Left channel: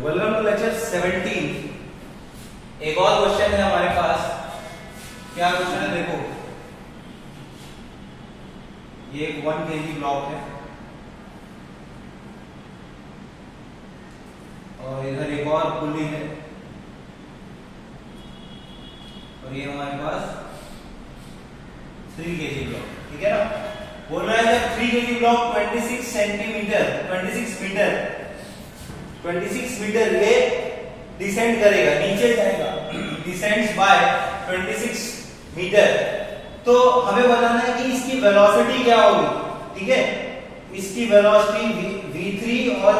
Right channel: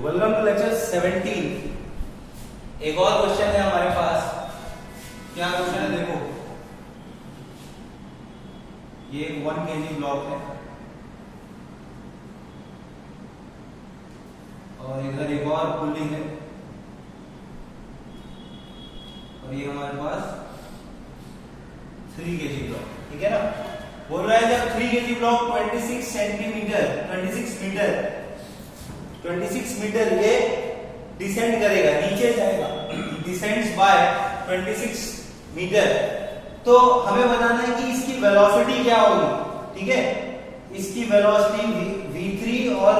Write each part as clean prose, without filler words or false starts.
Welcome to lecture 17। एक और question है हमारे पास। क्या क्वेश्चन है देखो, ये एक 1 kg ब्लॉक है और इधर एक और पुली है और ये हमारे पास 3 kg ब्लॉक, ठीक है ना। बोल रहा है जब 3 kg ब्लॉक 26 मीटर ये डिसेंड करेगा, नीचे जाएगा, डिसेंड्स बाय 26 मीटर, तो हमें बताना है कि इसकी वेलोसिटी क्या होगी, ठीक है। इसकी वेलोसिटी v3 और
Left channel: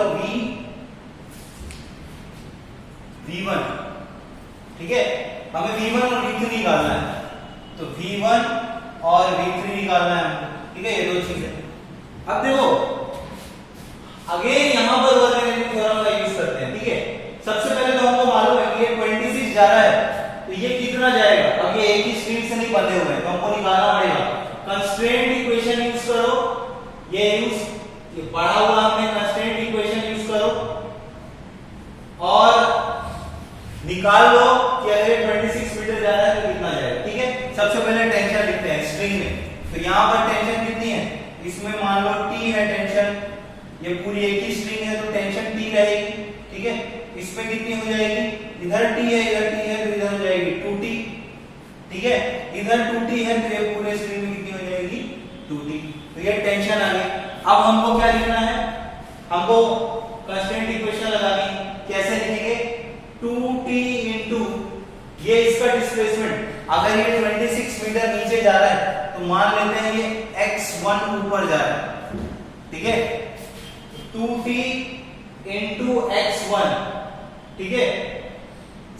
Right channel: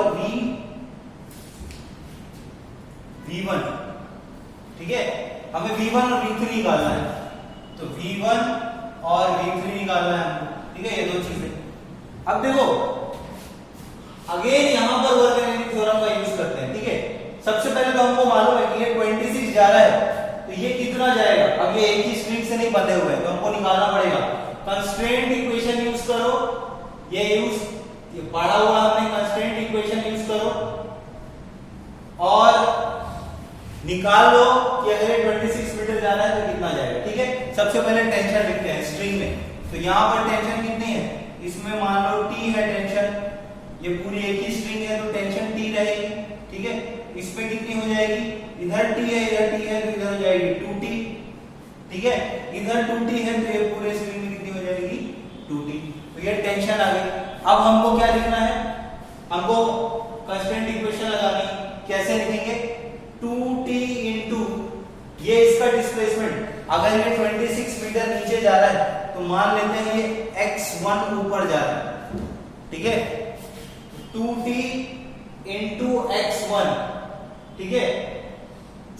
v1, ठीक है। हमें v1 और v3 निकालना है, तो v1 और v3 निकालना है, ठीक है। ये दो चीजें। अब देखो अगेन यहां पर वर्गमूल थ्योरम का यूज करते हैं, ठीक है। सबसे पहले तो हमको मालूम है कि ये 26 जा रहा है, तो ये कितना जाएगा। अब ये एक ही स्ट्रिंग से नहीं बंधे हुए हैं, तो हमको निकालना पड़ेगा। कंस्ट्रेंट इक्वेशन यूज करो, ये पढ़ा हुआ हमने, कंस्ट्रेंट इक्वेशन यूज करो और निकाल लो कि अगर 26 मीटर जा रहा है तो कितना जाएगा, ठीक है। सबसे पहले टेंशन लिखते हैं स्ट्रिंग में, तो यहां पर टेंशन कितनी है, इसमें मान लो t है टेंशन, ये पूरी एक ही स्ट्रिंग है तो टेंशन t रहेगी, ठीक है। इस पे कितनी हो जाएगी, इधर t है इधर t है तो इधर हो जाएगी 2t, ठीक है। इधर 2t है तो ये पूरे स्ट्रिंग में कितनी हो जाएगी 2t, तो ये टेंशन आ गई। अब हमको क्या लिखना है, हमको कांस्टेंट इक्वेशन लगानी। कैसे लिखेंगे, 2t इनटू ये इसका डिस्प्लेसमेंट, अगर ये 26 मीटर नीचे जा रहा है तो मान लेते हैं ये x1 ऊपर जा रहा है, ठीक है। 2t इंटू x1, ठीक है।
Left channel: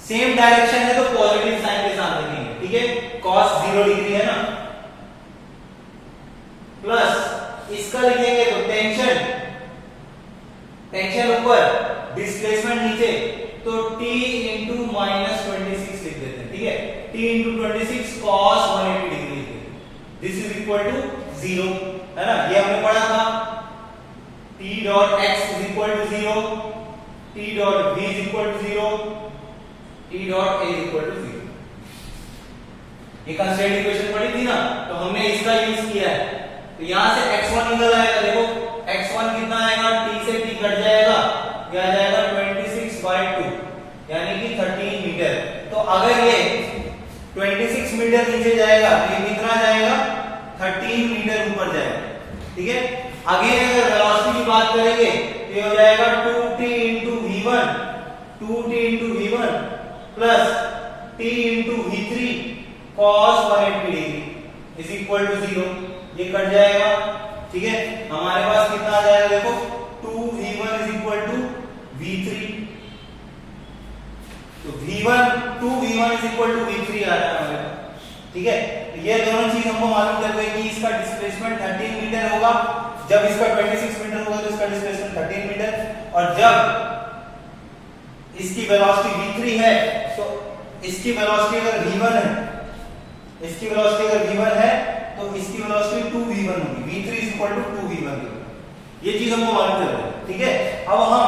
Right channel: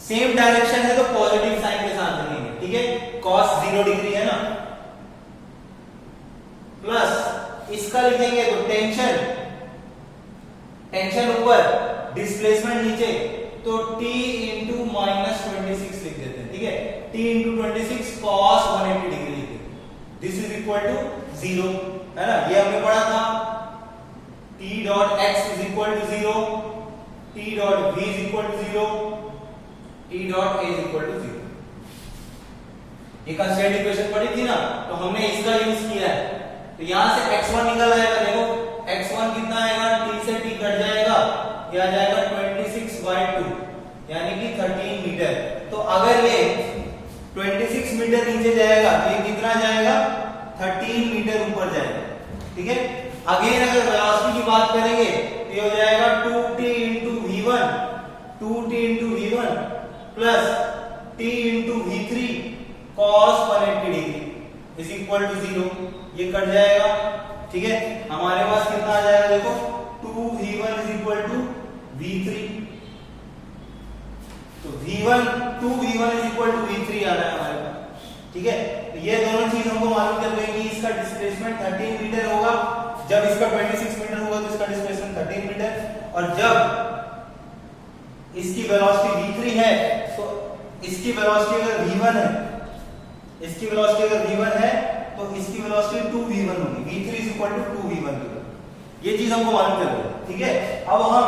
सेम डायरेक्शन है तो पॉजिटिव साइन के साथ लिखेंगे, ठीक है। cos 0 डिग्री है ना, प्लस इसका लिखेंगे तो टेंशन ऊपर, डिस्प्लेसमेंट नीचे, तो t इंटू -26 लिख देते हैं, ठीक है। t इंटू 26 cos 180 डिग्री लिख देते हैं। दिस इज इक्वल टू 0, है ना, ये हमने पढ़ा था। t dot x is equal to 0, t dot v is equal to 0, t dot a is equal to 0। ये कंस्ट्रेंट इक्वेशन पढ़ी थी ना, तो हमने इसका यूज किया है। तो यहां से x1 निकल आएगा, देखो x1 कितना आएगा, t से t कट जाएगा, क्या आ जाएगा 26/2 यानी कि 13 मीटर। तो अगर ये 26 मीटर नीचे जाएगा तो ये कितना जाएगा, 13 मीटर ऊपर जाएगा, ठीक है। अगेन अगर वेलोसिटी की बात करेंगे तो ये हो जाएगा 2t into v1 plus t into v3 cos 180 degree is equal to 0, ये कट जाएगा, ठीक है। हमारे पास कितना आ जाएगा, देखो 2v1 is equal to v3, तो 2v1 is equal to v3 आ रहा है हमारे पास, ठीक है। तो ये दोनों चीज हमको मालूम चल गई कि इसका डिस्प्लेसमेंट 13 मीटर होगा, जब इसका 26 मीटर होगा तो इसका डिस्प्लेसमेंट 13 मीटर, और जब इसकी वेलोसिटी v3 है तो इसकी वेलोसिटी अगर v1 है, इसकी वेलोसिटी अगर v1 है तो इसकी वेलोसिटी 2v1 होगी, v3 is equal to 2v1। ये चीज हमको मालूम चल गई, ठीक है। अब हम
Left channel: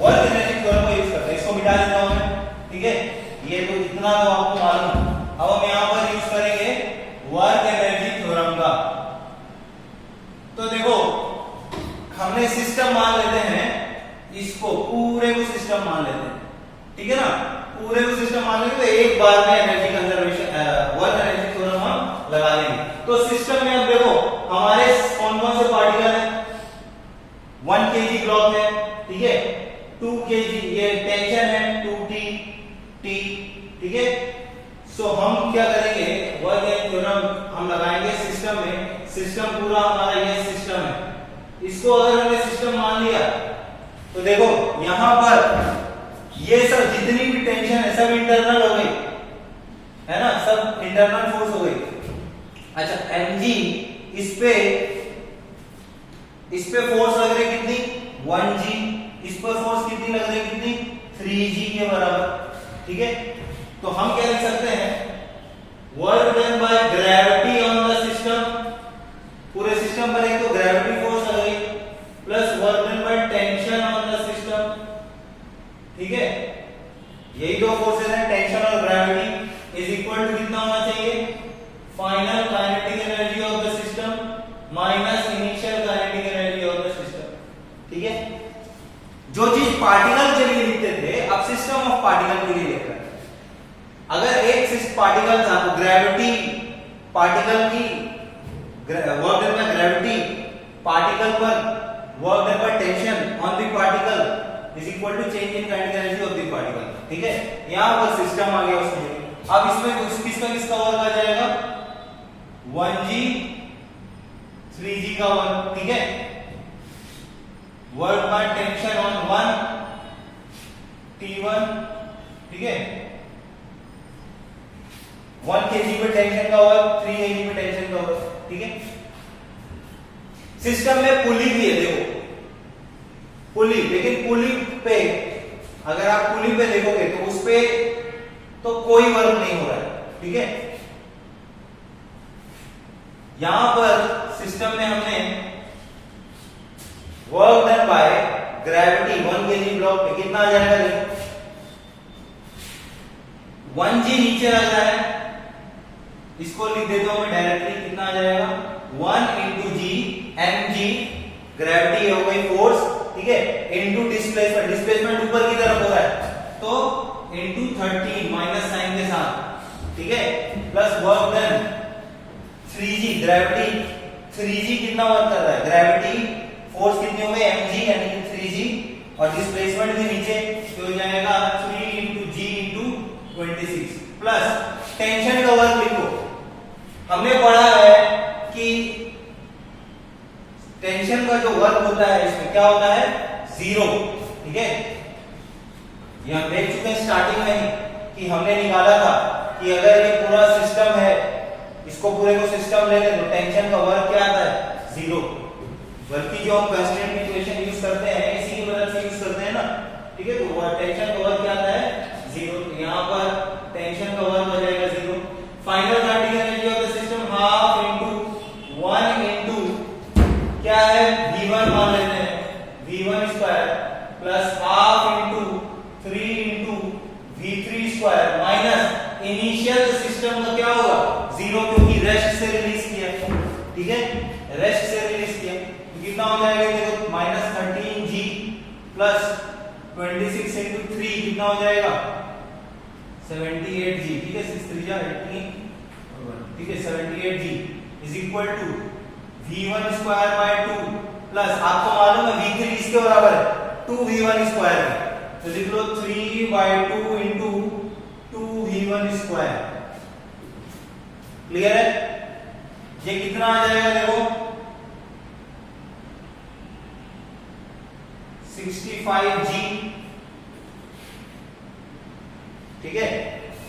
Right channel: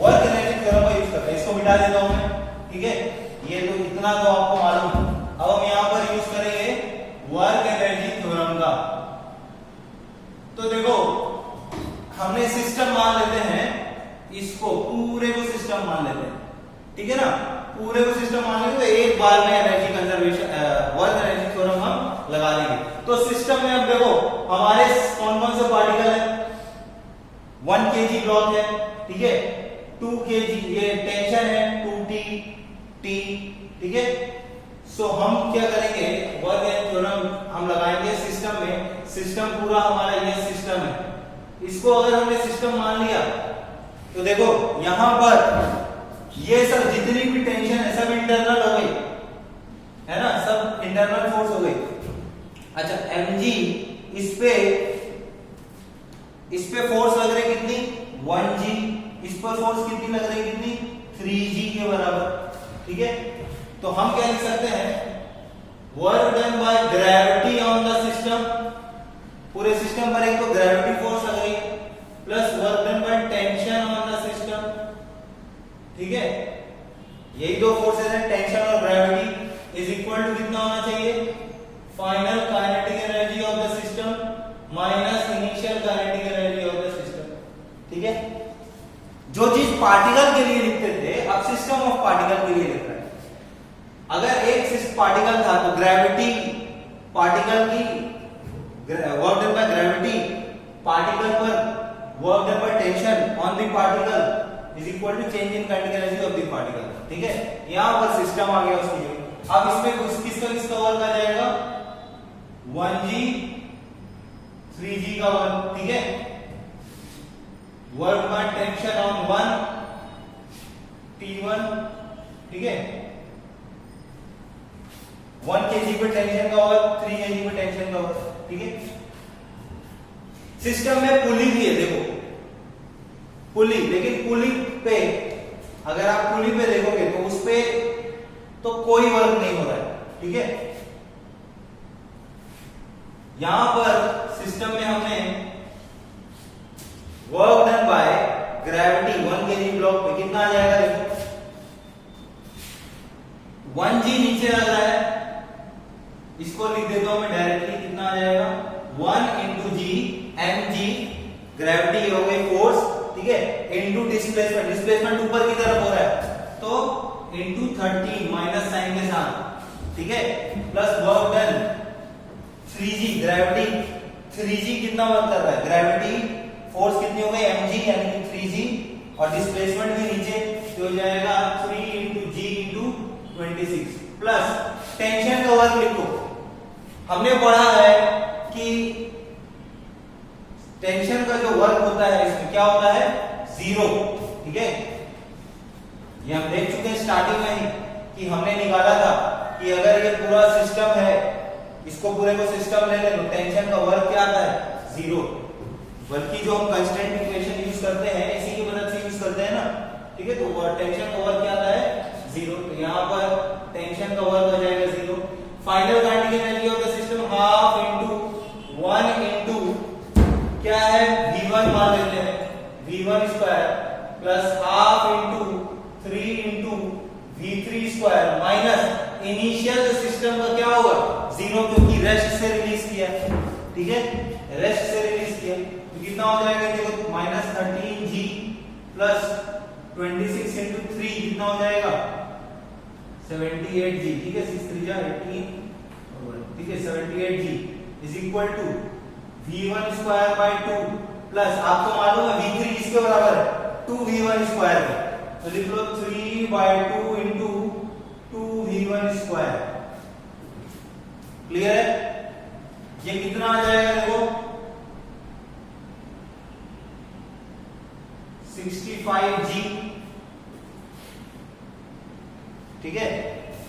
वर्क एनर्जी थ्योरम का यूज करते हैं, इसको मिटा देता हूं मैं, ठीक है। ये तो इतना तो आपको मालूम है। अब हम यहां पर यूज करेंगे वर्क एनर्जी थ्योरम का। तो देखो हमने सिस्टम मान लेते हैं, इसको पूरे को सिस्टम मान लेते हैं, ठीक है ना। पूरे को सिस्टम मान लेंगे तो एक बार में energy conservation work energy theorem हम लगा लेंगे। तो सिस्टम में अब देखो हमारे कौन कौन से पार्टिकल है, 1 kg ब्लॉक है, ठीक है। 2 kg ये टेंशन है 2t, ठीक है। सो हम क्या करेंगे, वर्क एनर्जी थ्योरम हम लगाएंगे सिस्टम में। सिस्टम पूरा हमारा ये सिस्टम है, इसको अगर हमने सिस्टम मान लिया तो देखो यहां पर ये सब जितनी भी टेंशन है सब इंटरनल हो गई, है ना, सब इंटरनल फोर्स हो गई। अच्छा mg, इस पे फोर्स लग रही कितनी 1g, इस पर फोर्स कितनी लग रही, कितनी 3g के बराबर, ठीक है। तो हम क्या लिख सकते हैं, work done by gravity on the system, पूरे सिस्टम पर एक तो ग्रेविटी फोर्स लग रही, plus work done by tension on the system, ठीक है, यही दो फोर्सेस हैं, टेंशन और ग्रेविटी इज इक्वल टू कितना होना चाहिए, final kinetic energy of the system minus initial kinetic energy of the system. ठीक है, जो चीज पार्टिकल के लिए लिखते थे अब सिस्टम ऑफ पार्टिकल के लिए लिख रहे हैं। अगर एक पार्टिकल था तो ग्रेविटी पार्टिकल की work done by gravity particle पर work done by tension on the particle is equal to change in kinetic energy of the particle. ठीक है, यहां पर सिस्टम आ गया उसमें। अब इसमें किसका वर्क आ जाएगा, 1g 3g का वर्क। ठीक है, work by tension on 1 T1। ठीक है, 1 kg पे टेंशन का वर्क, 3 kg पे टेंशन का वर्क। ठीक है, सिस्टम में पुली भी है, देखो पुली, लेकिन पुली पे अगर आप पुली पे देखोगे तो उस पे तो कोई वर्क नहीं हो रहा है। ठीक है, यहां पर सिस्टम में हमने work done by gravity 1 kg block पे कितना आ जाएगा, देखो 1g नीचे आ रहा है, इसको लिख देता हूं मैं डायरेक्टली, कितना आ जाएगा 1 into g mg ग्रेविटी हो गई फोर्स। ठीक है, इनटू डिस्प्लेसमेंट, डिस्प्लेसमेंट ऊपर की तरफ हो रहा है तो इनटू 13 माइनस साइन के साथ। ठीक है, plus work done 3g gravity, 3g कितना वर्क कर रहा है, ग्रेविटी फोर्स कितनी हो गई mg यानी कि 3g और डिस्प्लेसमेंट भी नीचे तो हो जाएगा 3 into g into 26 plus tension का वर्क लिखो। हमने पढ़ा है कि टेंशन का जो वर्क होता है इसमें क्या होता है, 0। ठीक है, ये हम देख चुके हैं स्टार्टिंग में ही कि हमने निकाला था कि अगर ये पूरा सिस्टम है, इसको पूरे को सिस्टम ले ले तो टेंशन का वर्क क्या आता है, 0। बल्कि जो हम कांस्टेंट इक्वेशन यूज करते हैं इसी की मदद से यूज करते हैं ना। ठीक है, तो टेंशन का वर्क क्या आता है, 0। तो यहां पर टेंशन का वर्क हो जाएगा 0। Final kinetic energy of the system half into 1 into क्या है, v1 मान लेते हैं, v1 square plus half into 3 into v3 square minus initial system का क्या होगा, 0 क्योंकि रेस्ट से रिलीज किया। ठीक है, रेस्ट से रिलीज किया तो कितना हो जाएगा, देखो माइनस 13g प्लस 26 इनटू 3 कितना हो जाएगा 78g। ठीक है, 6 3 जा 18। ठीक है, 78g is equal to v1 square by 2 plus आपको मालूम है v3 इसके बराबर है 2v1 स्क्वायर का, तो लिख लो 3 by 2 into 2v1 square. Clear है, ये कितना आ जाएगा, देखो 65g। ठीक है,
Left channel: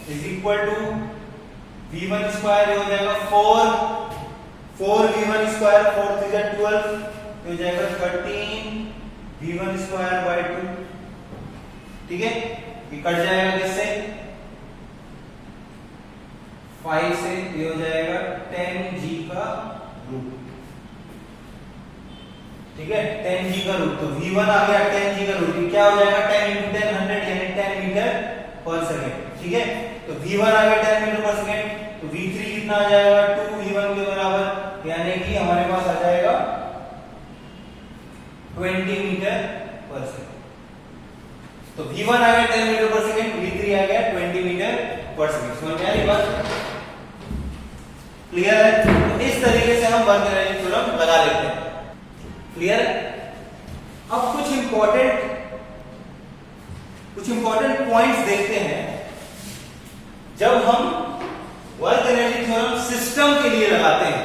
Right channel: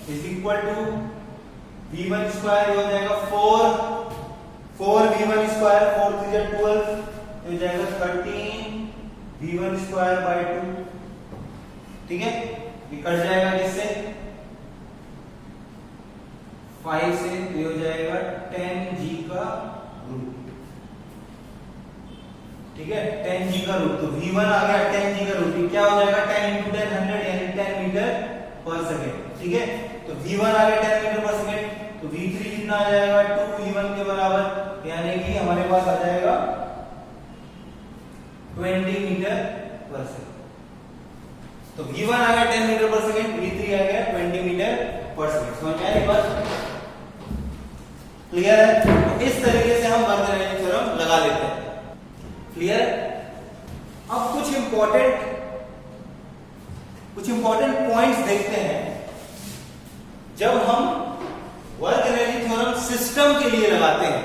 is equal to v1 square हो जाएगा 4v1 स्क्वायर, 4 3 जा 12 हो जाएगा 13v1 स्क्वायर बाय 2। ठीक है, ये कट जाएगा किससे, 5 से, ये हो जाएगा 10g का रूट। ठीक है, 10g का रूट, तो v1 आ गया 10g का रूट, क्या हो जाएगा 10 into 10 100 यानी 10 मीटर पर सेकेंड। ठीक है, तो v1 आ गया 10 मीटर पर सेकेंड, तो v3 कितना आ जाएगा 2v1 के बराबर, यानी कि हमारे पास आ जाएगा 20 मीटर पर सेकेंड। तो v1 आ गया 10 मीटर पर सेकेंड, v3 आ गया 20 मीटर पर सेकेंड। समझ में आ रही बात, क्लियर है। तो इस तरीके से हम वर्क एनर्जी थ्योरम लगा लेते हैं। क्लियर, अब कुछ इंपॉर्टेंट पॉइंट्स देखते हैं। जब हम वर्क एनर्जी थ्योरम सिस्टम के लिए लगाते हैं,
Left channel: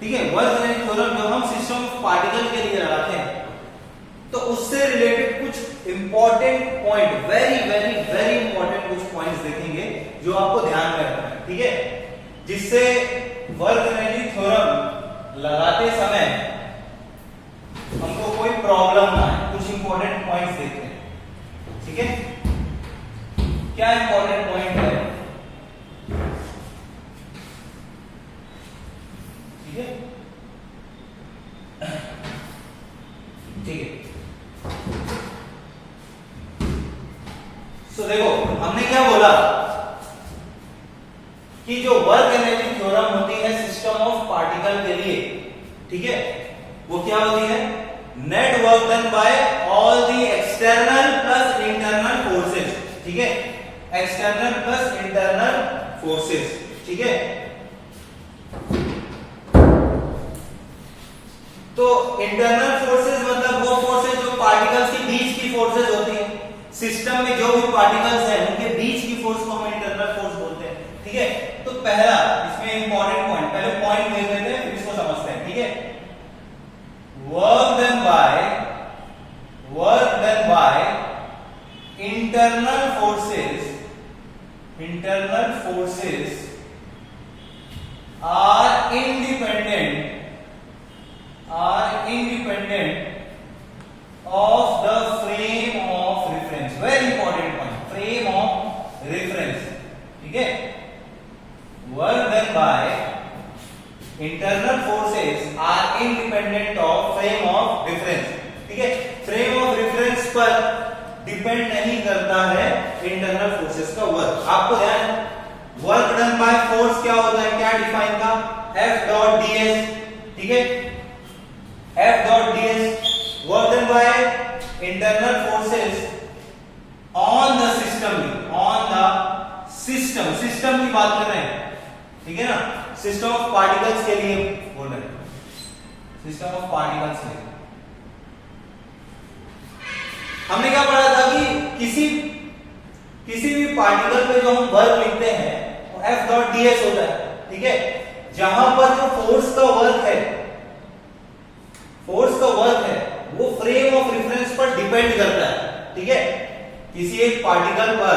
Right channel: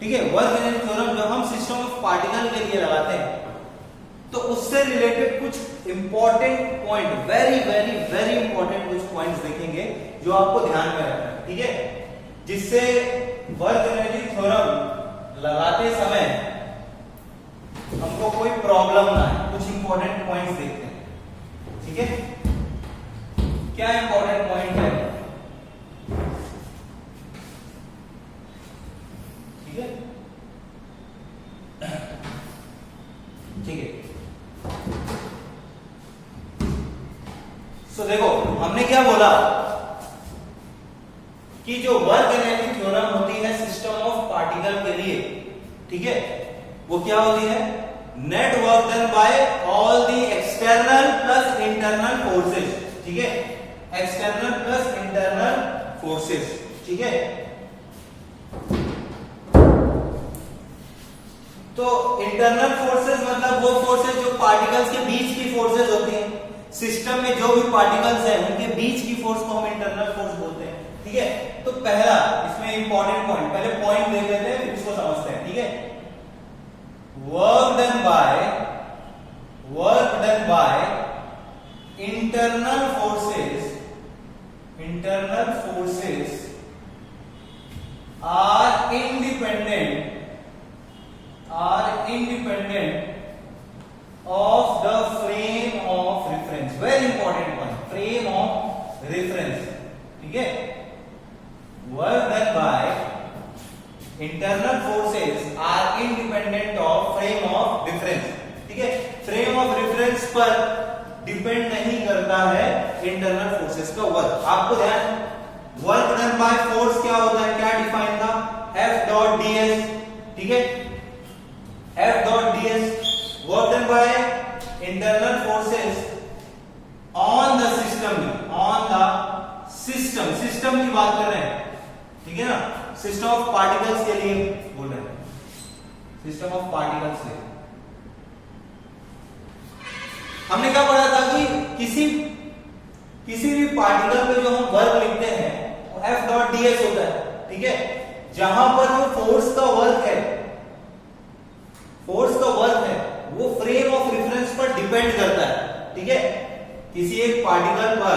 ठीक है, वर्क एनर्जी थ्योरम जब हम सिस्टम ऑफ पार्टिकल के लिए लगाते हैं तो उससे रिलेटेड कुछ important point, very very very important कुछ पॉइंट्स देखेंगे जो आपको ध्यान में रखना है। ठीक है, जिससे वर्क एनर्जी थ्योरम लगाते समय हमको कोई प्रॉब्लम ना आए। कुछ इंपॉर्टेंट पॉइंट्स देखते हैं। ठीक है, क्या इंपॉर्टेंट पॉइंट है, ठीक है, ठीक है। सो देखो हमने क्या बोला कि जो वर्क एनर्जी थ्योरम होती है सिस्टम ऑफ पार्टिकल के लिए, ठीक है, वो क्या होती है, net work done bye all the external plus internal forces, ठीक है, एक्सटर्नल प्लस इंटरनल फोर्सेस, ठीक है। तो इंटरनल फोर्सेस मतलब वो फोर्सेस जो पार्टिकल्स के बीच की फोर्सेस होती हैं, सिस्टम में जो भी पार्टिकल्स हैं उनके बीच की फोर्स को हम इंटरनल फोर्स बोलते हैं, ठीक है। तो पहला इसमें इंपॉर्टेंट पॉइंट, पहले पॉइंट देख लेते हैं फिर इसको समझते हैं, ठीक है। Work done by internal forces are independent of the frame of reference, very important point, frame of reference, ठीक है। work done by internal forces are independent of frame of reference, ठीक है। frame of reference पर depend नहीं करता है internal forces का work. आपको ध्यान है वर्क डन बाय फोर्स क्या होता है, क्या डिफाइन था, F डॉट ds, ठीक है, F dot ds work done by internal forces on the system की बात कर रहे हैं, ठीक है ना, सिस्टम ऑफ पार्टिकल्स के लिए बोल रहे हैं, सिस्टम ऑफ पार्टिकल्स के लिए। हमने क्या पढ़ा था कि किसी भी पार्टिकल पे जो हम वर्क लिखते हैं वो F dot ds होता है, ठीक है। जहां पर जो फोर्स का वर्क है वो फ्रेम ऑफ रेफरेंस पर डिपेंड करता है, ठीक है। किसी एक पार्टिकल पर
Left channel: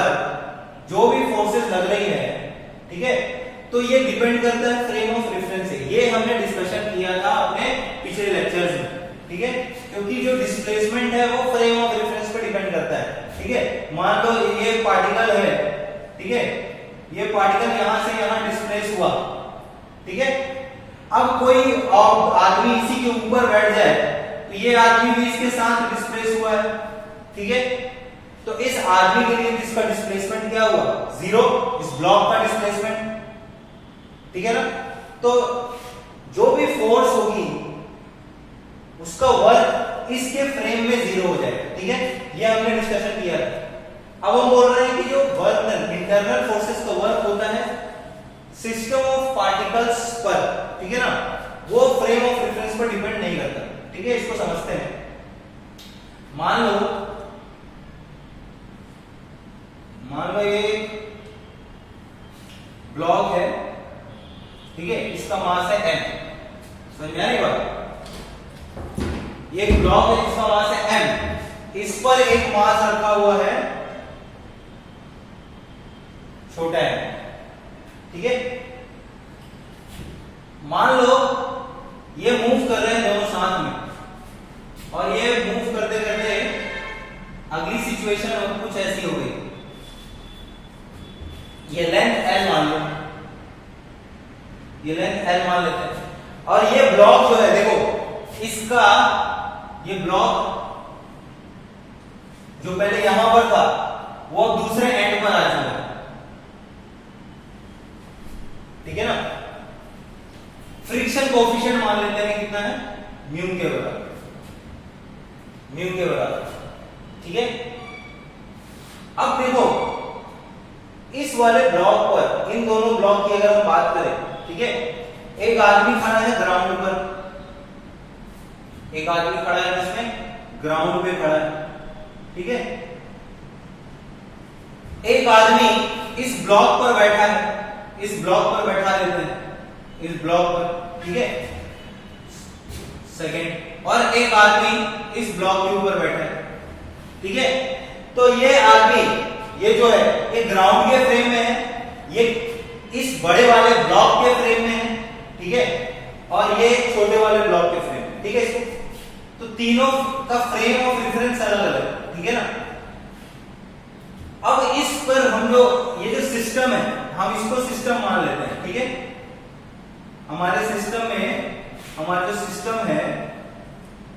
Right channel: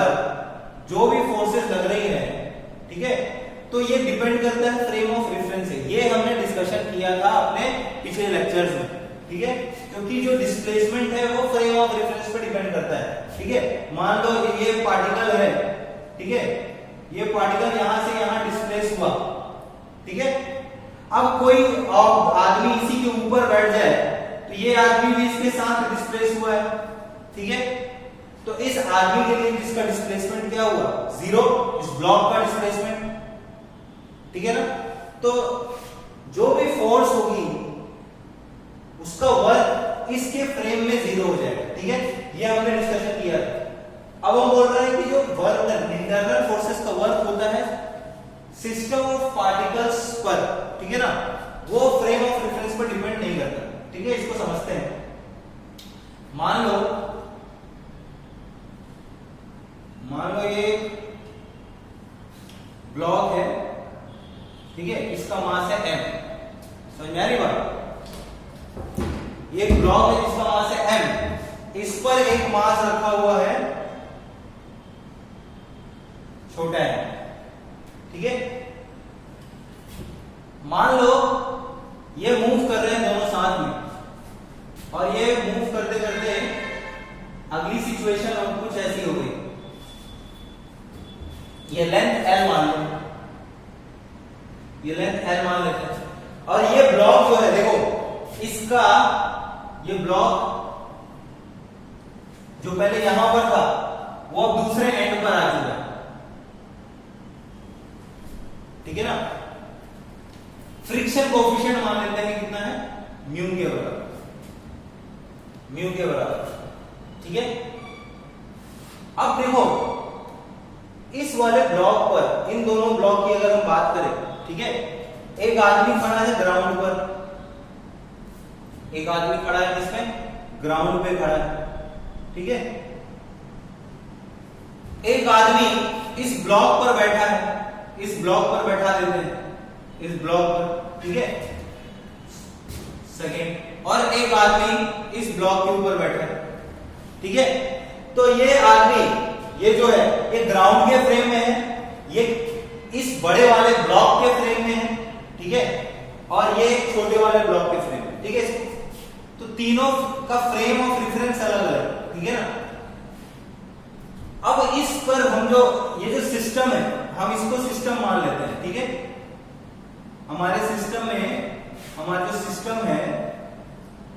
जो भी फोर्सेस लग रही है, ठीक है, तो ये डिपेंड करता है फ्रेम ऑफ रेफरेंस से। ये हमने डिस्कशन किया था अपने पिछले लेक्चर्स में, ठीक है, क्योंकि जो डिस्प्लेसमेंट है वो फ्रेम ऑफ रेफरेंस पर डिपेंड करता है, ठीक है। मान लो ये पार्टिकल है, ठीक है, ये पार्टिकल यहां से यहां डिस्प्लेस हुआ, ठीक है। अब कोई आदमी इसी के ऊपर बैठ जाए तो ये आदमी भी इसके साथ डिस्प्लेस हुआ है, ठीक है। तो इस आदमी के लिए जिसका डिस्प्लेसमेंट क्या हुआ, 0, इस ब्लॉक का डिस्प्लेसमेंट, ठीक है ना। तो जो भी फोर्स होगी उसका वर्क इसके फ्रेम में 0 हो जाएगा, ठीक है। ये हमने डिस्कशन किया था। अब हम बोल रहे हैं कि जो वर्क इंटरनल फोर्सेस का वर्क होता है सिस्टम ऑफ पार्टिकल्स पर, ठीक है ना, वो फ्रेम ऑफ रेफरेंस पर डिपेंड नहीं करता, ठीक है। इसको समझते हैं। मान लो ये ब्लॉक है, ठीक है, इसका मास है m, समझ में आ रही बात। ये ब्लॉक है जिसका मास है m, इस पर एक मास रखा हुआ है छोटा m, ठीक है। मान लो ये मूव कर रहे हैं दोनों साथ में और ये मूव करते करते अगली सिचुएशन कुछ ऐसी हो गई, ये लेंथ L मान लो, ये लेंथ L मान लेते हैं और ये ब्लॉक जो है देखो इसका, ये ब्लॉक जो पहले यहां पर था वो अब दूसरे एंड पर आ चुका है, ठीक है ना। फ्रिक्शन कोएफिशिएंट मान लेते हैं कितना है, म्यू के बराबर, ठीक है। अब देखो इस वाले ब्लॉक पर, इन दोनों ब्लॉक की अगर हम बात करें, ठीक है, एक आदमी खड़ा है ग्राउंड पर, एक आदमी खड़ा है जिसमें ग्राउंड पे खड़ा है, ठीक है। एक आदमी इस ब्लॉक पर बैठा है, इस ब्लॉक पर बैठा देते हैं, इस ब्लॉक पर, ठीक है, सेकेंड, और एक आदमी इस ब्लॉक के ऊपर बैठा है, ठीक है। तो ये आदमी, ये जो है ये ग्राउंड के फ्रेम में है, ये इस बड़े वाले ब्लॉक के फ्रेम में है, ठीक है, और ये छोटे वाले ब्लॉक के फ्रेम में, ठीक है। इसको तो तीनों का फ्रेम ऑफ रेफरेंस अलग अलग, ठीक है ना। अब इस पर हम जो ये जो सिस्टम है हम इसको सिस्टम मान लेते हैं, ठीक है। हमारे सिस्टम में हमारा जो सिस्टम है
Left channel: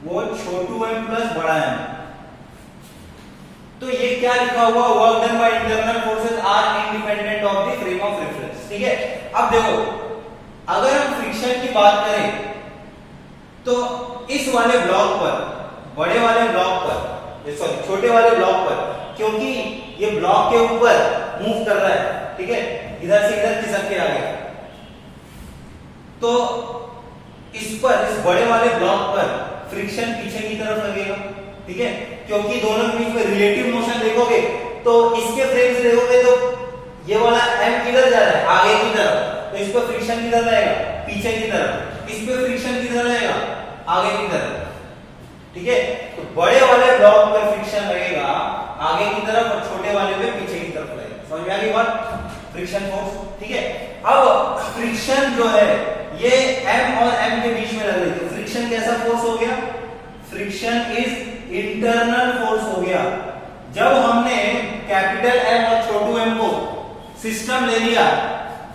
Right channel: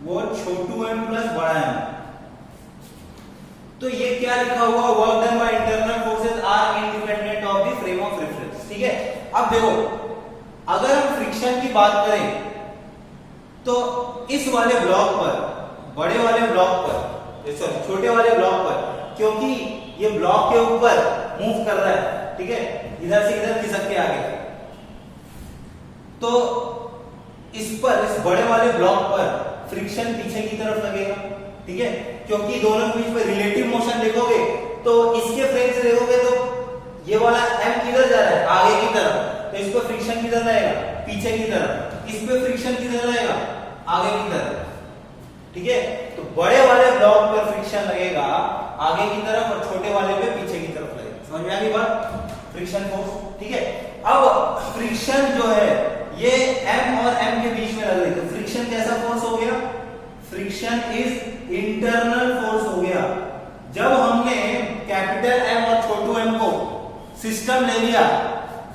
वो छोटू m प्लस बड़ा m, तो ये क्या लिखा हुआ, work done by internal forces are independent of the frame of reference. ठीक है, अब देखो अगर हम फ्रिक्शन की बात करें तो इस वाले ब्लॉक पर, बड़े वाले ब्लॉक पर, सॉरी छोटे वाले ब्लॉक पर, क्योंकि ये ब्लॉक के ऊपर मूव कर रहा है, ठीक है, इधर से इधर खिसक के आ गया, तो इस पर, इस बड़े वाले ब्लॉक पर फ्रिक्शन पीछे की तरफ लगेगा। ठीक है, क्योंकि दोनों के बीच में रिलेटिव मोशन देखोगे तो इसके फ्रेम से देखोगे तो ये वाला m किधर जा रहा है, आगे की तरफ, तो इस पर फ्रिक्शन किधर रहेगा, पीछे की तरफ, इस पे फ्रिक्शन किधर रहेगा, आगे की तरफ। ठीक है, तो बड़े वाले ब्लॉक पर फ्रिक्शन लगेगा आगे की तरफ और छोटे वाले पे पीछे की तरफ लगेगा। समझ में आ गई बात, फ्रिक्शन फोर्स। ठीक है, अब फ्रिक्शन जो है ये m और m के बीच में लग रही है, फ्रिक्शन कैसा फोर्स हो गया, फ्रिक्शन इज इंटरनल फोर्स हो गया। जब हमने कैपिटल M और छोटू m को सिस्टम ले लिया,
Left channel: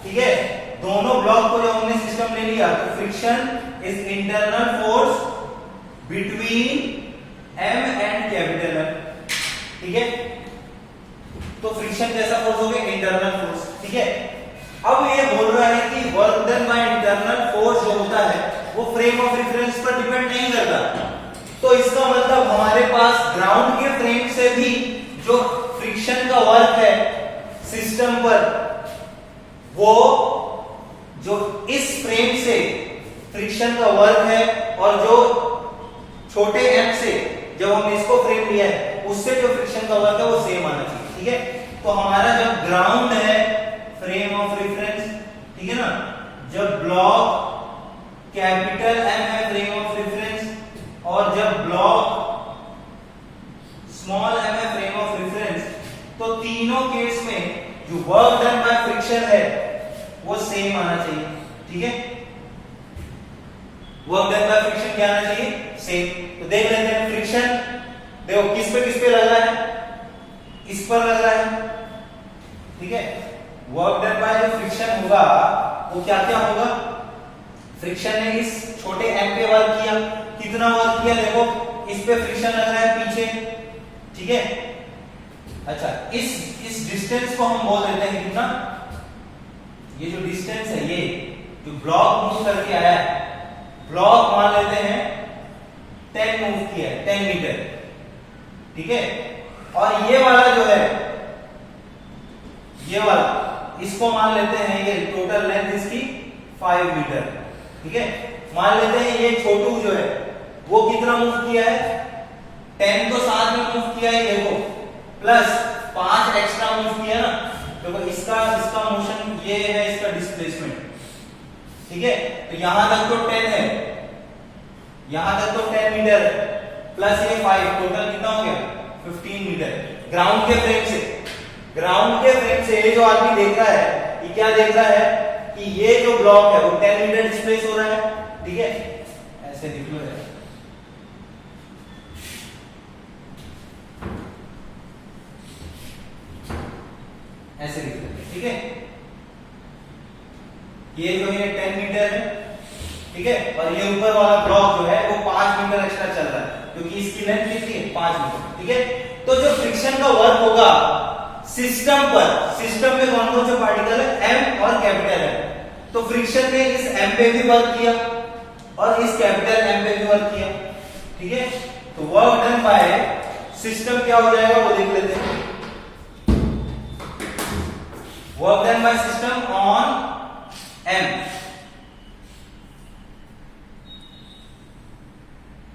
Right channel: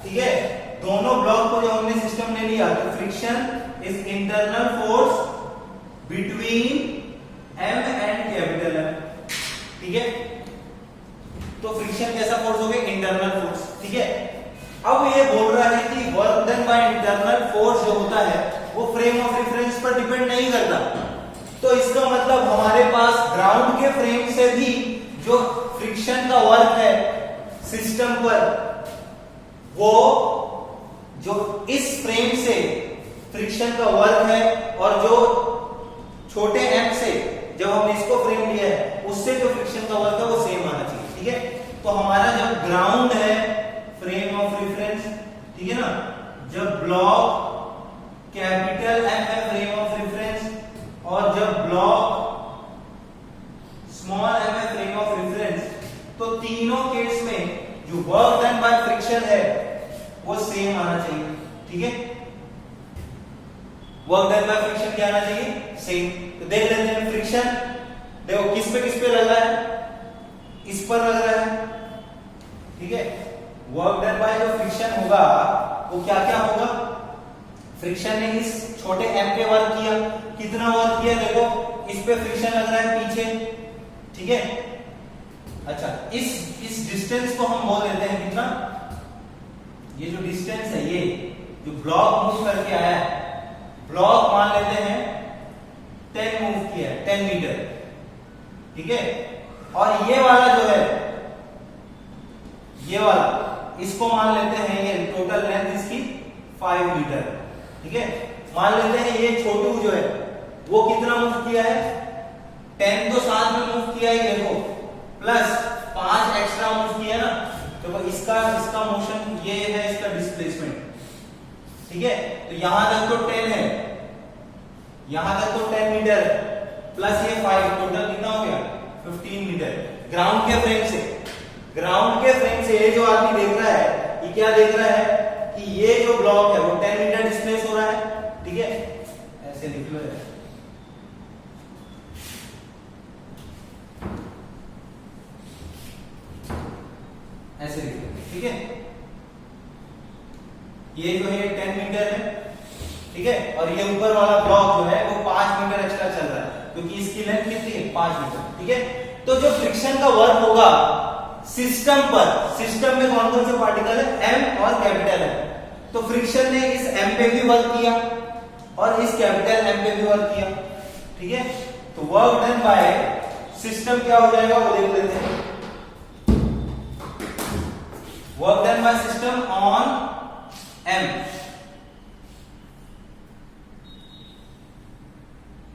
ठीक है, दोनों ब्लॉक को जब हमने सिस्टम ले लिया तो friction is internal force between M and capital M। ठीक है, तो फ्रिक्शन कैसा फोर्स हो गया, इंटरनल फोर्स। ठीक है, अब ये बोल रहा है कि work done by internal force जो होता है वो फ्रेम ऑफ रेफरेंस पर डिपेंड नहीं करता। तो इसका मतलब हमारे पास ग्राउंड के फ्रेम से भी जो फ्रिक्शन का वर्क है सिस्टम पर, वो जो इस फ्रेम से फ्रिक्शन का वर्क है और जो छोटे m से जब हमने इसको फ्रेम लिया है उससे जो फ्रिक्शन का वर्क है वो सेम आना चाहिए। ठीक है, तो हमारा जब ग्राउंड है फ्रेम ऑफ रेफरेंस, ठीक है ना, जब ब्लॉक कैपिटल M है फ्रेम ऑफ रेफरेंस और जब ब्लॉक स्मॉल m है फ्रेम ऑफ रेफरेंस, तो तीनों केस में जो वर्क डन बाय फ्रिक्शन है वो सेम आना चाहिए। ठीक है, वर्क डन बाय फ्रिक्शन क्या आना चाहिए, सेम। तो देख लेते हैं फ्रिक्शन, देखो किस पे लग रहा है, इस पर लग रहा है। ठीक है, वर्क डन बाय जो फ्रिक्शन होगा वो क्या क्या होगा, फ्रिक्शन ने इस छोटे m पे वर्क किया, कितना वर्क किया देखो, इस पे फ्रिक्शन लग रहा है पीछे। ठीक है, अच्छा इस डिस्टेंस को हम बोल देते हैं कितना, ये जो डिस्टेंस है, ये जो ब्लॉक मूव करके आया है, ब्लॉक मान लेते हैं 10 मूव किया है, 10 मीटर। ठीक है, और ये वाला जो है, ये वाला, इसको मान लेते हैं, ये टोटल लेंथ इसकी 5 मीटर। ठीक है, मान लेते हैं ये छोटू जो है वो कितना मूव किया है, 10 तो साथ में मूव किया है, देखो प्लस 5 एक्स्ट्रा मूव किया ना, देखो इसका मोशन ये है, इसका डिस्प्लेसमेंट। ठीक है, तो यहां तक तो 10 है, यहां तक तो 10 मीटर प्लस ये 5, टोटल कितना हो गया 15 मीटर। ग्राउंड के फ्रेम से ये जो आदमी देख रहा है, ये क्या देख रहा है कि ये जो ब्लॉक है वो 10 मीटर डिस्प्लेस हो रहा है। ठीक है, ऐसे लिख लो, ऐसे लिख लेते। ठीक है, ये जो है 10 मीटर है। ठीक है, और ये ऊपर वाला ब्लॉक जो है वो 5 मीटर एक्स्ट्रा चल रहा है, क्योंकि इसकी लेंथ कितनी है, 5 मीटर। ठीक है, तो जो फ्रिक्शन का वर्क होगा सिस्टम पर, सिस्टम में कौन कौन से पार्टिकल है, m और कैपिटल M, तो फ्रिक्शन ने इस m पे भी वर्क किया और इस कैपिटल M पे भी वर्क किया। ठीक है, तो वर्क डन बाय सिस्टम क्या हो जाएगा वो देख लेते हैं। Work done by system on m,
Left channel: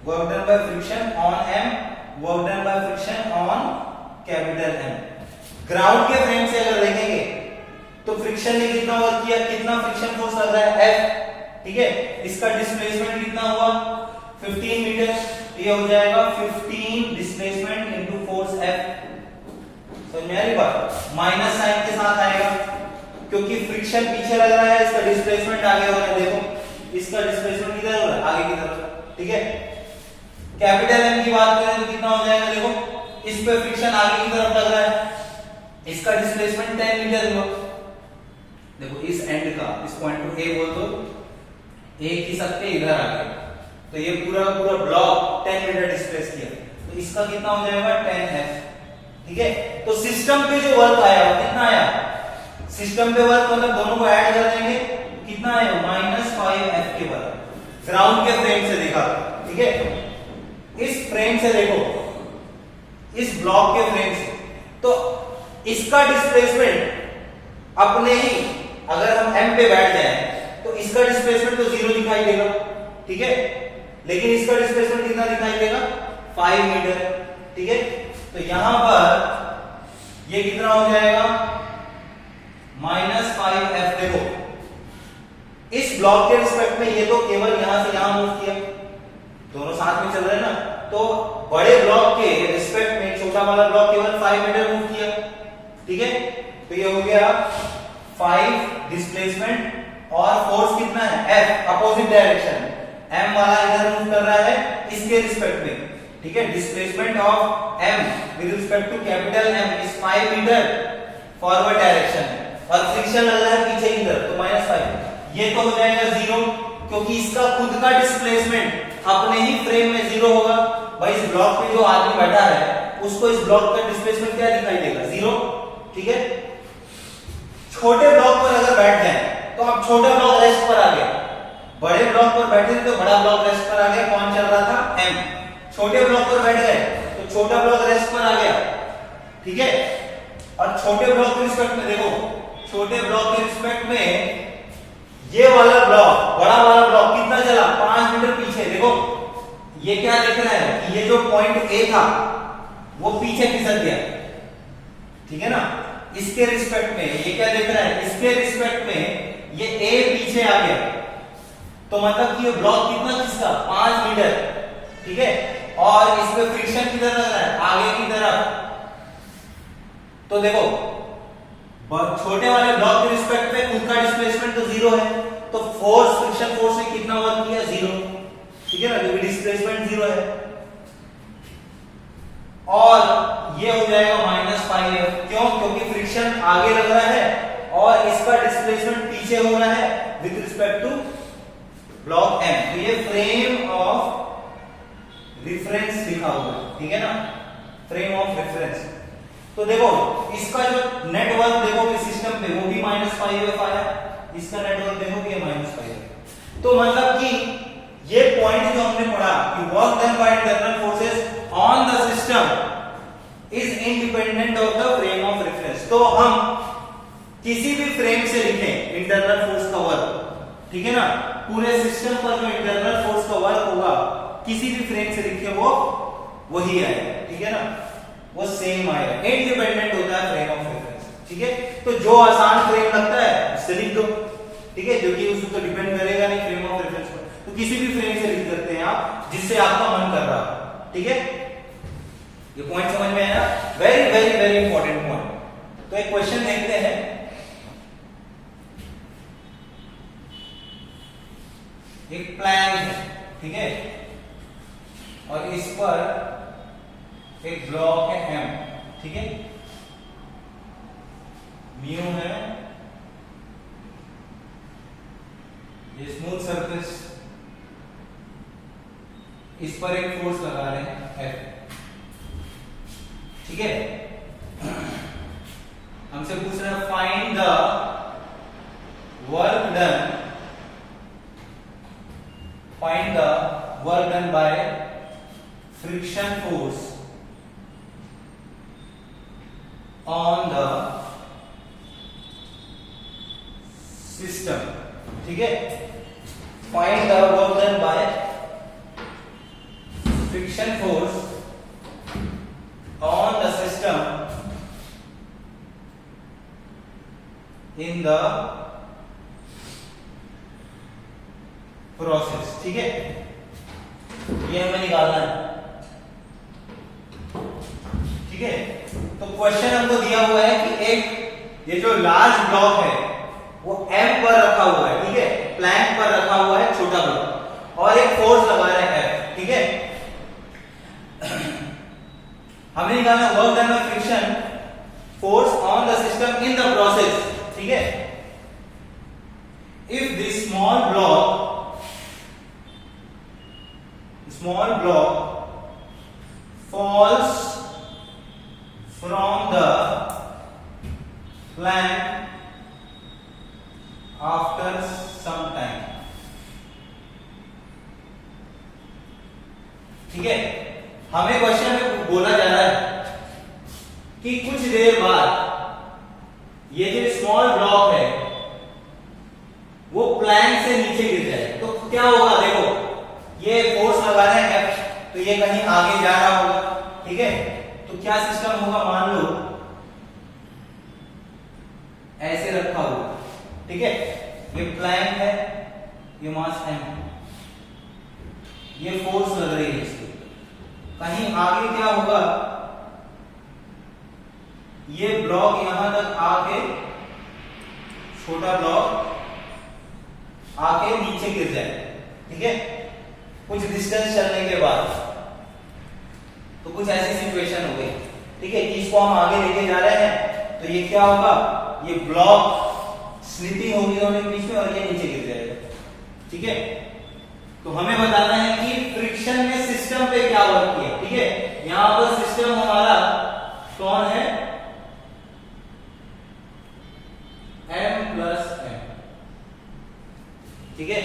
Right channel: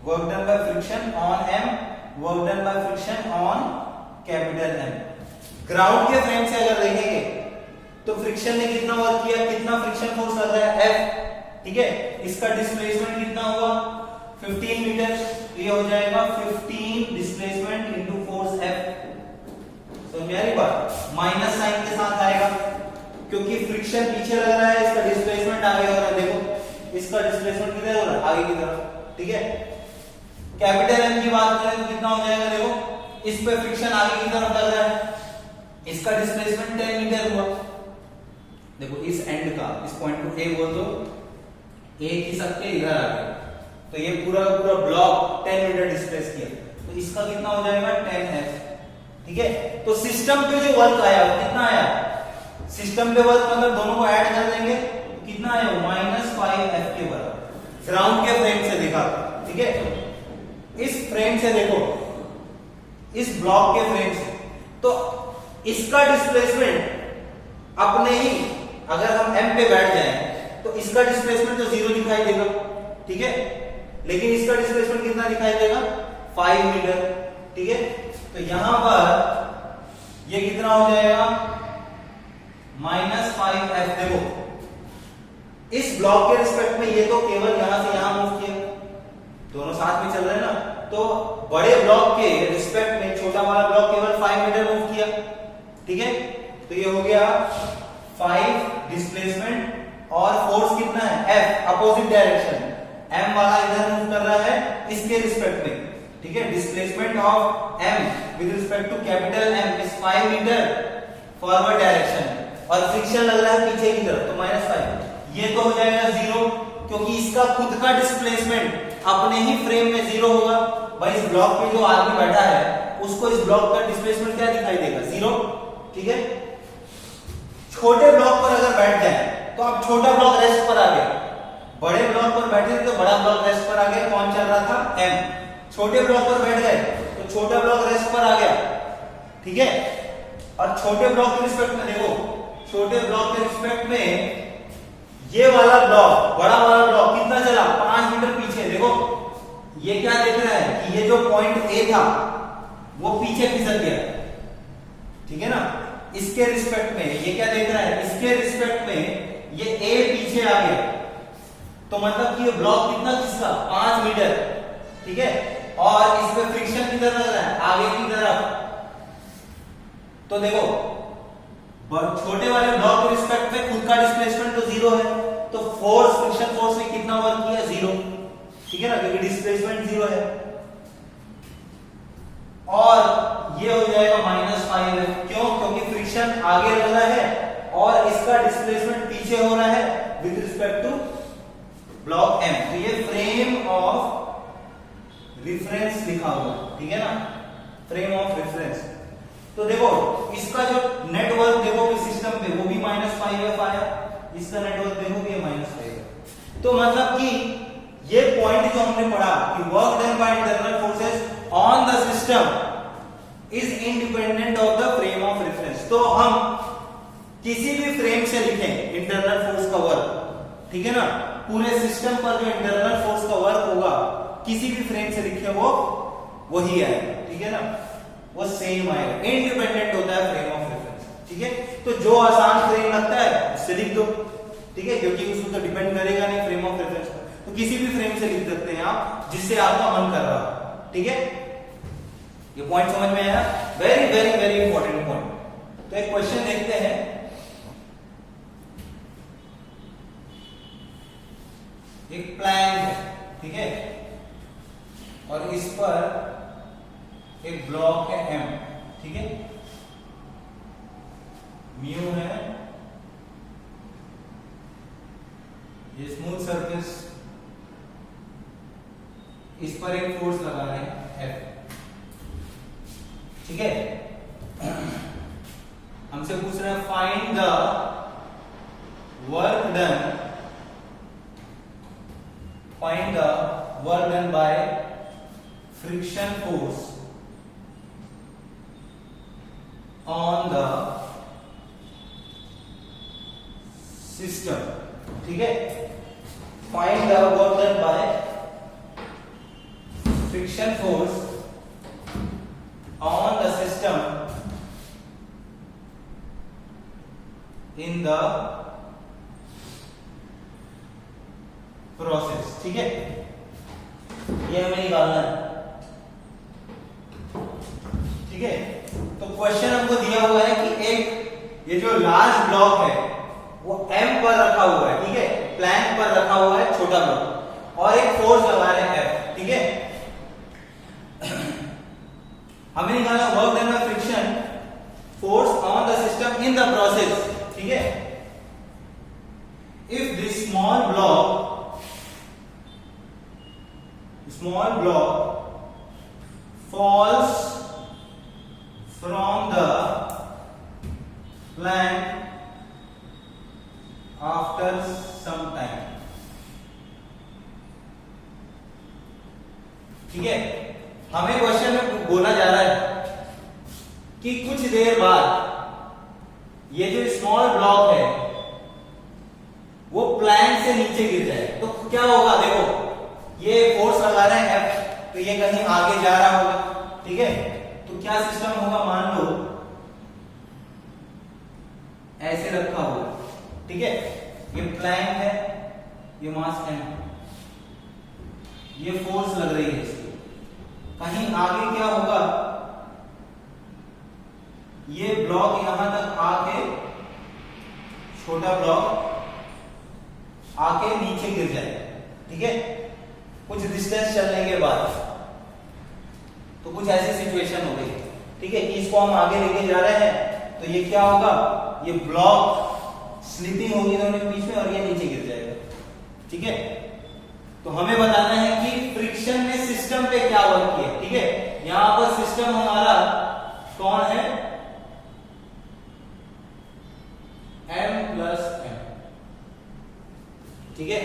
work done by friction on m, work done by friction on capital M। Ground के फ्रेम से अगर देखेंगे तो फ्रिक्शन ने कितना वर्क किया, कितना फ्रिक्शन फोर्स लग रहा है, F। ठीक है, इसका डिस्प्लेसमेंट कितना हुआ 15 मीटर, ये हो जाएगा 15 डिस्प्लेसमेंट इनटू फोर्स F। समझ में आ रही बात, माइनस साइन के साथ आएगा क्योंकि फ्रिक्शन पीछे लग रहा है, इसका डिस्प्लेसमेंट आगे हो रहा है। देखो इसका डिस्प्लेसमेंट किधर हो रहा है, आगे की तरफ। ठीक है, कैपिटल M की बात करें तो कितना हो जाएगा, देखो इस पे फ्रिक्शन आगे की तरफ लग रहा है, इसका डिस्प्लेसमेंट 10 मीटर हुआ। देखो इस एंड का, इस पॉइंट को A बोल दो, A की सकते इधर आ गया, तो ये पूरा ब्लॉक 10 मीटर डिस्प्लेस किया, तो इसका कितना हो जाएगा 10F। ठीक है। तो सिस्टम पे जो वर्क आया कितना आया, सिस्टम पे वर्क मतलब दोनों को ऐड कर देंगे कितना आया -5F के बराबर, ग्राउंड के फ्रेम से देखा, ठीक है। इस फ्रेम से देखो, इस ब्लॉक के फ्रेम से, तो इसका डिस्प्लेसमेंट अपने ही, अगर हम m पे बैठ जाए तो इसका डिस्प्लेसमेंट तो 0 दिखाई देगा, ठीक है, लेकिन इसका डिस्प्लेसमेंट कितना दिखाई देगा 5 मीटर, ठीक है। तो यहां पर ये कितना हो जाएगा -5F। देखो इस ब्लॉक के रिस्पेक्ट में ये तो केवल यहां से यहां मूव किया, दोनों साथ में चल रहे हैं ना, तो बड़े ब्लॉक के रिस्पेक्ट में छोटा वाला ब्लॉक केवल 5 मीटर मूव किया, ठीक है। तो ये हो गया 5 डिस्प्लेसमेंट और फोर्स कितना है F, अपोजिट डायरेक्शन, m वाला इधर मूव कर रहा है इसके रिस्पेक्ट में, ठीक है। Displacement of m with respect to capital M is 5 metre forward direction, और फ्रिक्शन लग रहा है पीछे की तरफ, तो -5। ये तो हो जाएगा 0, क्योंकि इसका खुद का डिस्प्लेसमेंट अपने ही फ्रेम में 0 होगा। भाई इस ब्लॉक पे जो आदमी बैठा है उसको इस ब्लॉक का डिस्प्लेसमेंट क्या दिखाई देगा 0, ठीक है। छोटे ब्लॉक पर अगर बैठ जाए तो अब छोटा ब्लॉक रेस्ट पर आ गया, बड़े ब्लॉक पर बैठे तो बड़ा ब्लॉक रेस्ट पर आ गया, कौन चल रहा था m। छोटे ब्लॉक पर बैठ गए तो छोटा ब्लॉक रेस्ट पर आ गया, ठीक है। और छोटे ब्लॉक के रिस्पेक्ट में देखो, छोटे ब्लॉक के रिस्पेक्ट में ये वाला ब्लॉक, बड़ा वाला ब्लॉक कितना चला 5 मीटर पीछे। देखो ये क्या देख रहा है कि ये जो पॉइंट A था वो पीछे फिसल गया, ठीक है ना। इसके रिस्पेक्ट में ये क्या देख रहा है, इसके रिस्पेक्ट में ये A पीछे आ गया, तो मतलब कि ये ब्लॉक कितना खिसका 5 मीटर, ठीक है। और इस पे फ्रिक्शन किधर लग रहा है आगे की तरफ, तो देखो छोटे वाले ब्लॉक के रिस्पेक्ट में खुद का डिस्प्लेसमेंट तो 0 है, तो फोर्स, फ्रिक्शन फोर्स ने कितना वर्क किया 0, ठीक है ना, क्योंकि डिस्प्लेसमेंट 0 है। और ये हो जाएगा -5F, क्यों, क्योंकि फ्रिक्शन आगे लग रहा है और इसका डिस्प्लेसमेंट पीछे हो रहा है with respect to block M। तो ये फ्रेम ऑफ रिफरेंस लिखा हुआ है, ठीक है ना, फ्रेम ऑफ रेफरेंस। तो देखो इसका जो नेटवर्क देखोगे सिस्टम पे वो भी -5F आया, इसका नेटवर्क देखोगे -5F। तो मतलब कि ये पॉइंट जो हमने पढ़ा कि work done by internal forces on the system is independent of the frame of reference. तो हम किसी भी फ्रेम से लिखें इंटरनल फोर्स का वर्क, ठीक है ना, पूरे सिस्टम पर जो इंटरनल फोर्स का वर्क होगा किसी भी फ्रेम से लिखे वो वही आएगा, ठीक है ना, वो सेम आएगा, इंडिपेंडेंट होता है फ्रेम ऑफ रेफरेंस, ठीक है। तो जो आसान फ्रेम लगता है उससे लिख दो, ठीक है, जो कि उस पर डिपेंड करेगा नहीं फ्रेम ऑफ रेफरेंस पर, तो किसी भी फ्रेम से लिख सकते हैं आप जिससे आपका मन कर रहा है, ठीक है। ये पॉइंट समझ में आया, very very very important point. तो एक क्वेश्चन देखते हैं, एक प्लान है, ठीक है, और इस पर एक ब्लॉक है M, ठीक है, म्यू है, ये स्मूथ सरफेस, इस पर एक फोर्स लगा रहे हैं F, ठीक है। हमसे पूछ रहा है find the work done, find the work done by friction force on the system, ठीक है। Find the work done by friction force on the system in the process, ठीक है, ये हमें निकालना है, ठीक है। तो क्वेश्चन हमको दिया हुआ है कि एक ये जो लार्ज ब्लॉक है वो M पर रखा हुआ है, ठीक है, प्लैंक पर रखा हुआ है छोटा ब्लॉक, और एक फोर्स लगा रहे हैं F, ठीक है। हमें निकालना work done by friction force on the system in the process, ठीक है। If this small block falls from the plank after some time. ठीक है, हमें क्वेश्चन में बोला जा रहा है कि कुछ देर बाद ये जो स्मॉल ब्लॉक है वो प्लैंक से नीचे गिर जाए तो क्या होगा। देखो ये फोर्स लगा रहे हैं F, तो ये कहीं आगे जा रहा होगा। ठीक है, तो क्या सिस्टम होगा, मान लो ऐसे रखा होगा। ठीक है, ये प्लैंक है, ये मास M, ये फोर्स लग रही है इसकी। कहीं आगे क्या होगा, ये ब्लॉक यहां तक आके, छोटा ब्लॉक आके नीचे गिर जाए। ठीक है, कुछ डिस्टेंस चलने के बाद तो कुछ ऐसी सिचुएशन हो गई। ठीक है, कि इसको हम आगे लेके जा रहे हैं तो ये क्या होगा, ये ब्लॉक स्लिपिंग होगी दोनों के बीच में और ये नीचे गिर जाएगा। ठीक है, तो हमें बताना है कि फ्रिक्शन में सिस्टम पे क्या वर्क किया। ठीक है, यहां पर सिस्टम हमारा कौन है, M+M। ठीक है,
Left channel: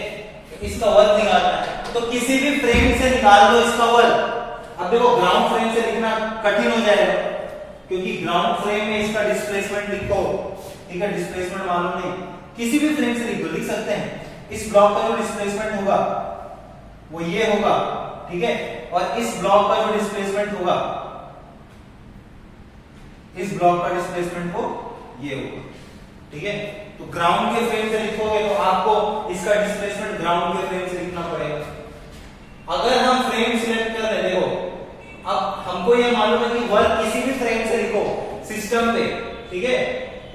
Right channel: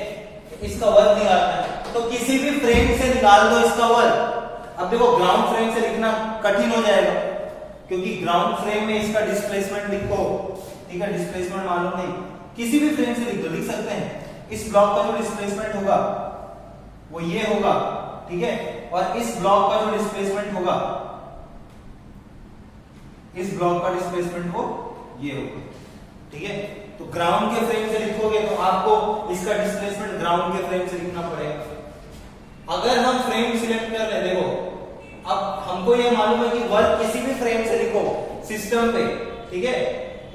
तो इसका वर्क निकालना है, तो किसी भी फ्रेम से निकाल दो इसका वर्क। अब देखो ग्राउंड फ्रेम से लिखना कठिन हो जाएगा क्योंकि ग्राउंड फ्रेम में इसका डिस्प्लेसमेंट लिखो। ठीक है, डिस्प्लेसमेंट मालूम नहीं, किसी भी फ्रेम से लिख दो, लिख सकते हैं। इस ब्लॉक का जो डिस्प्लेसमेंट होगा वो ये होगा। ठीक है, और इस ब्लॉक का जो डिस्प्लेसमेंट होगा, इस ब्लॉक का डिस्प्लेसमेंट वो ये होगा। ठीक है, तो ग्राउंड के फ्रेम से लिखोगे तो आपको इसका डिस्प्लेसमेंट ग्राउंड के फ्रेम से लिखना पड़ेगा। अगर हम फ्रेम सिलेक्ट कर ले, देखो अब हमको ये मालूम है कि वर्क किसी भी फ्रेम से लिखो सिस्टम पे। ठीक है,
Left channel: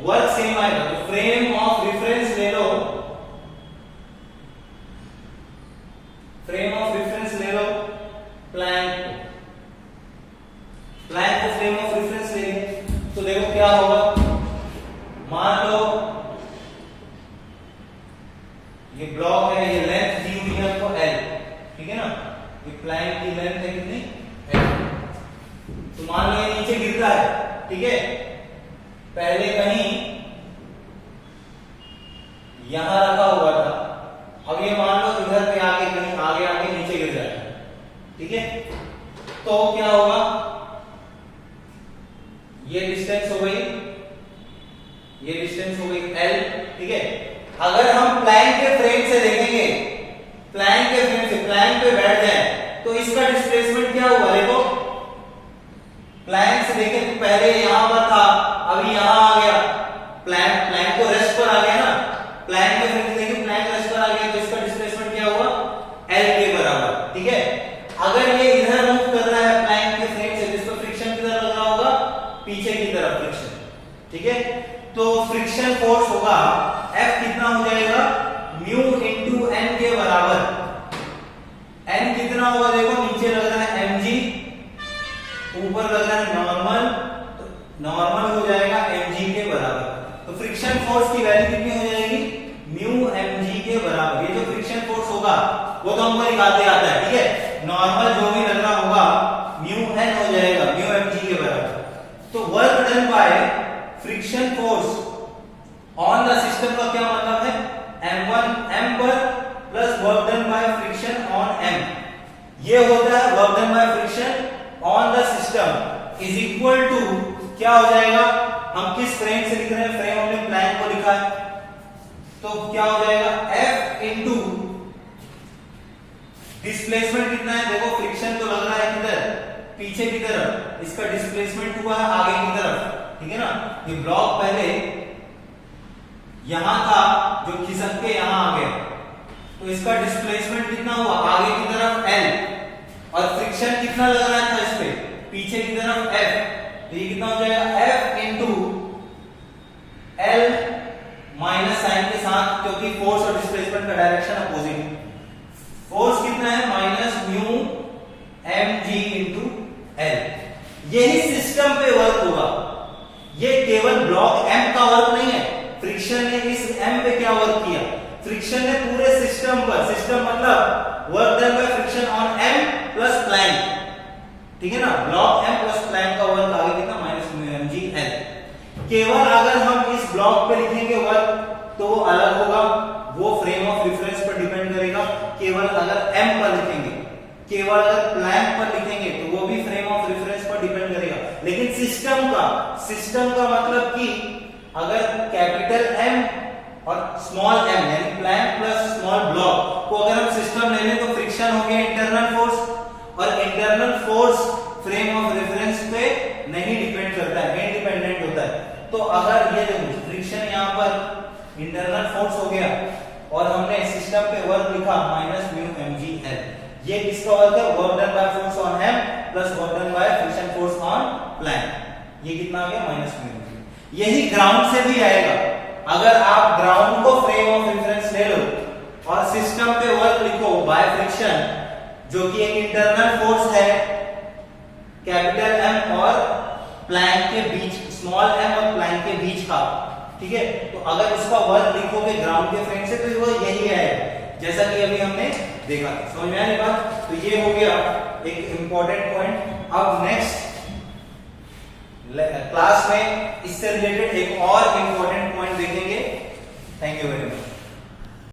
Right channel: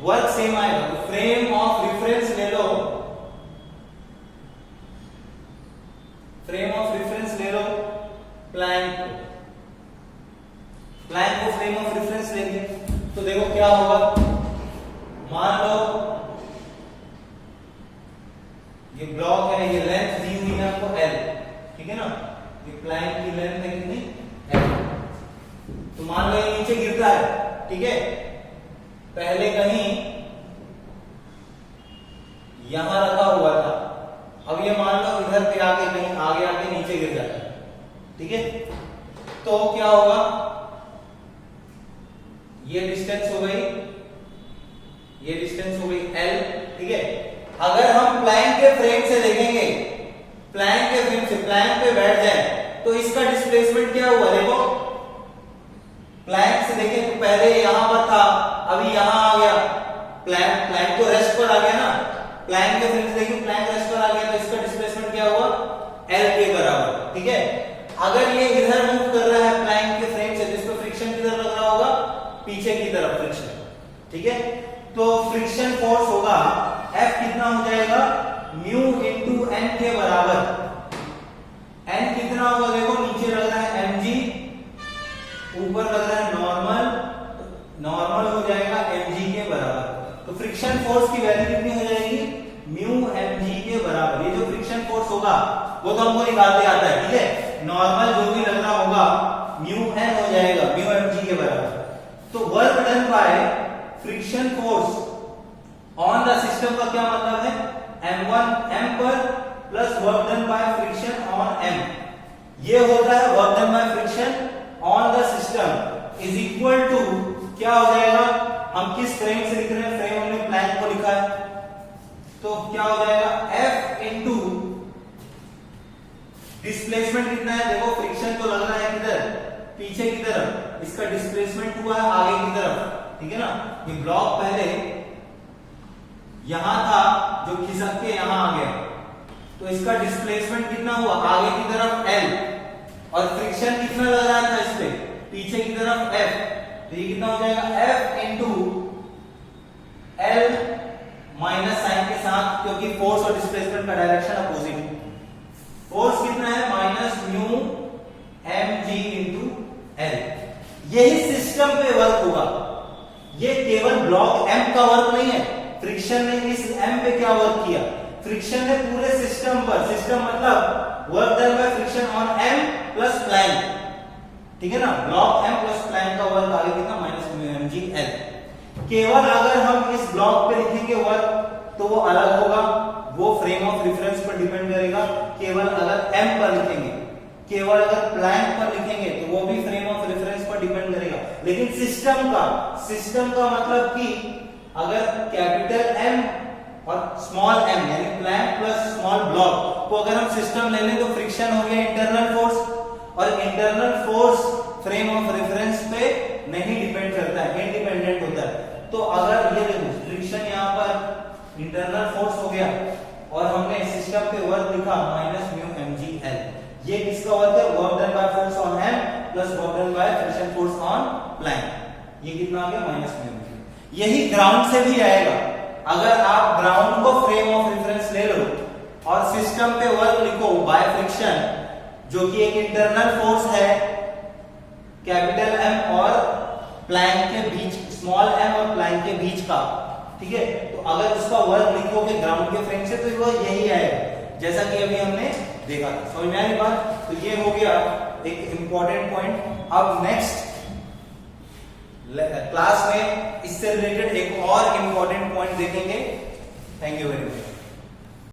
वर्क सेम आएगा, तो फ्रेम ऑफ रेफरेंस ले लो, फ्रेम ऑफ रेफरेंस ले लो प्लैंक को फ्रेम ऑफ रेफरेंस लेंगे तो देखो क्या होगा, मान लो ये ब्लॉक है, ये लेंथ दी हुई है आपको L। ठीक है ना, ये प्लैंक की लेंथ है कितनी, L। तो मान लो ये नीचे गिरता है। ठीक है, पहले कहीं यहां रखा हुआ था, अब ये मान लो इधर पे आके कहीं आगे आके नीचे गिर जाता है। ठीक है, तो क्या होगा, ये डिस्टेंस हो गई, ये डिस्टेंस हो गई L। ठीक है, अगर हम प्लैंक के फ्रेम से देखेंगे, प्लैंक के फ्रेम से प्लैंक पे बैठ जाए तो इसका डिस्प्लेसमेंट क्या हुआ, देखो प्लैंक से देखें तो पहले यहां पर था, अभी यहां आ गया, प्लैंक तो रेस्ट पर आ गया ना। प्लैंक के फ्रेम से देखिए, प्लैंक रेस्ट पर आ गया तो इसका डिस्प्लेसमेंट क्या हुआ, L के बराबर। ठीक है, अगर ये इधर मूव कर रहा है प्लैंक के फ्रेम से तो इसको फ्रिक्शन किधर लग रहा होगा, पीछे की तरफ फ्रिक्शन। ठीक है, तो फ्रिक्शन फोर्स होगा F कितना हो जाएगा, म्यू इंटू N के बराबर। N कितना होगा, देखो नीचे लग रहा है mg, ऊपर लग रहा है नॉर्मल, नॉर्मल हो जाएगा mg के बराबर। तो फ्रिक्शन फोर्स की वैल्यू कितनी हो जाएगी, म्यू mg के बराबर। ये जो फ्रिक्शन फोर्स होगा वो तो हमको निकालते आता है। ठीक है, नॉर्मल जो भी लग रहा होगा म्यू n हो जाएगा, म्यू mg के बराबर। तो work done by friction force on the system का क्या मतलब है, m1 m पर plus work done by friction on m। ये होता है work done by friction on the system is equal to क्या हो जाएगा, हम किस फ्रेम से लिख रहे हैं, फ्रेम हमने प्लैंक को लिखा है तो क्या हो जाएगा F इंटू डिस्प्लेसमेंट कितना है, देखो फ्रिक्शन तो लग रहा है किधर, पीछे की तरफ, इसका डिस्प्लेसमेंट हुआ है आगे की तरफ। ठीक है ना, ये ब्लॉक पहले यहां था जो खिसक के यहां आ गया तो इसका डिस्प्लेसमेंट कितना हुआ, आगे की तरफ L, और फ्रिक्शन कितना लग रहा था इस पे, पीछे की तरफ F। तो ये कितना हो जाएगा F into L minus sign के साथ, क्योंकि फोर्स और डिस्प्लेसमेंट का डायरेक्शन अपोजिट है। फोर्स कितना है, minus mu mg into L। यही सिस्टम पे वर्क होगा, ये केवल ब्लॉक M का वर्क नहीं है, फ्रिक्शन ने इस M पे क्या वर्क किया, फ्रिक्शन ने पूरे सिस्टम पर, सिस्टम मतलब work done by friction on M plus plank. ठीक है ना, ब्लॉक M प्लस प्लैंक का वर्क आगे कितना, माइनस म्यू केवल अगर हम इस ब्लॉक पे लिखेंगे वर्क तो वो अलग होगा, वो फ्रेम ऑफ रेफरेंस पर डिपेंड करेगा। केवल अगर एम पर लिखेंगे, केवल अगर प्लैंक पर लिखेंगे तो वो भी फ्रेम ऑफ रेफरेंस पर डिपेंड करेगा। लेकिन सिस्टम का मतलब कि अगर कैपिटल एम और स्मॉल एम यानी प्लैंक प्लस स्मॉल ब्लॉक को अगर हम सिस्टम ले लें तो फ्रिक्शन हो गया इंटरनल फोर्स, और internal force frame of reference पे नहीं डिपेंड करता है, इंडिपेंडेंट होता है। तो अगर ये देखो फ्रिक्शन यहाँ पर इंटरनल फोर्स हो गया और हमने सिस्टम पे वर्क लिखा माइनस म्यू mgl, ये किसका वर्क है? Work done by force on M plus work done by friction force on plank. ये कितना आ गया? Minus mu mgl। यही ग्राउंड से भी आएगा। अगर आप ग्राउंड को फ्रेम ऑफ रेफरेंस ले लो और सिस्टम पे वर्क लिखो बाय फ्रिक्शन, जो कि एक इंटरनल फोर्स है कैपिटल एम और प्लैंक के बीच, स्मॉल एम और प्लैंक के बीच का, ठीक है। तो अगर उसका वर्क लिखोगे ग्राउंड के फ्रेम से तो वो यही आएगा, जैसा कि अभी हमने देखा। समझ में आई बात? तो ये हो गया एक इंपॉर्टेंट पॉइंट। अब नेक्स्ट क्लास में इससे रिलेटेड एक और इंपॉर्टेंट पॉइंट देखेंगे। Thank you very much.